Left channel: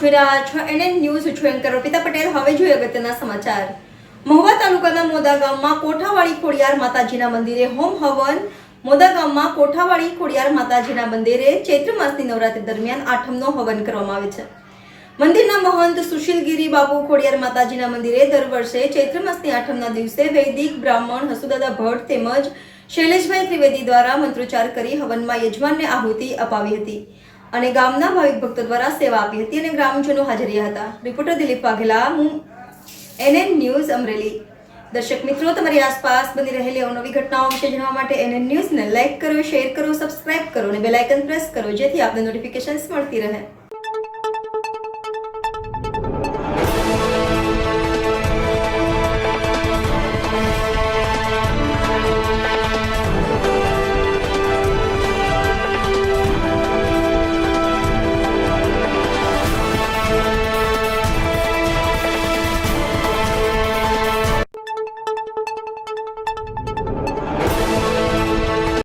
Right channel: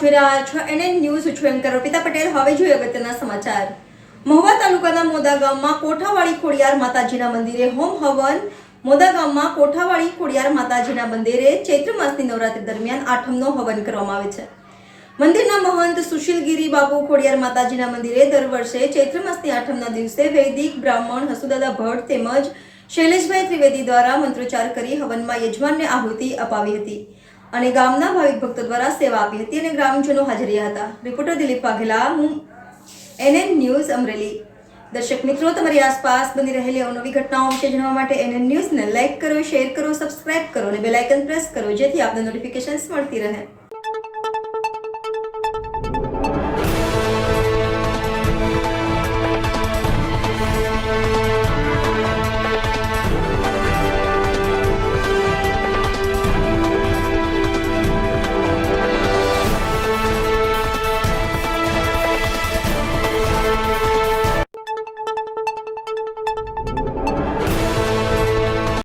જોઈ રહ્યા છો NN ન્યૂઝ છું એન્કર અર્પિતા પટેલ। હવે જોઈએ અગત્યના સમાચાર। મહુવા તાલુકાના મોદા ગામમાં કોઠાવાળી ખોડિયાર માતાજીના મંદિરે હોમ હવન। મોદા ગામમાં કોઠાવાળી ખોડિયાર માતાજીના મંદિરે ચૈત્ર માસની નવરાત્રી દરમિયાન આઠમનો હવન કરવામાં આવે છે। મંદિરના મહંત સુશીલગીરી બાપુ ખોડિયાર માતાજીના મંદિરે દર વર્ષે ચૈત્ર માસની આઠમના દિવસે વૈદિક બ્રાહ્મણ હસુદાદા ભટ્ટ તેમજ શૈલેષભાઈ ત્રિવેદી દ્વારા મંત્રોચ્ચાર કરી હવનમાં યજમાનને આહુતિ અપાવી હતી અને ગામના ભાવિક ભક્તો દ્વારા સેવા આપી હતી અને ગ્રામજનો હાજર રહ્યા હતા। Reporter Dilip Vaghela, NN news Amreli. દર્શક મિત્રો, તમારી આસપાસ બની રહેલી અવનવી ઘટનાઓ વિશે જાણવા માટે NN ન્યૂઝને લાઇક કરો, શેર કરો, સબસ્ક્રાઇબ કરો અને બેલ આઇકન પ્રેસ કરો, જેથી આપને નોટિફિકેશન્સ મળતી રહે।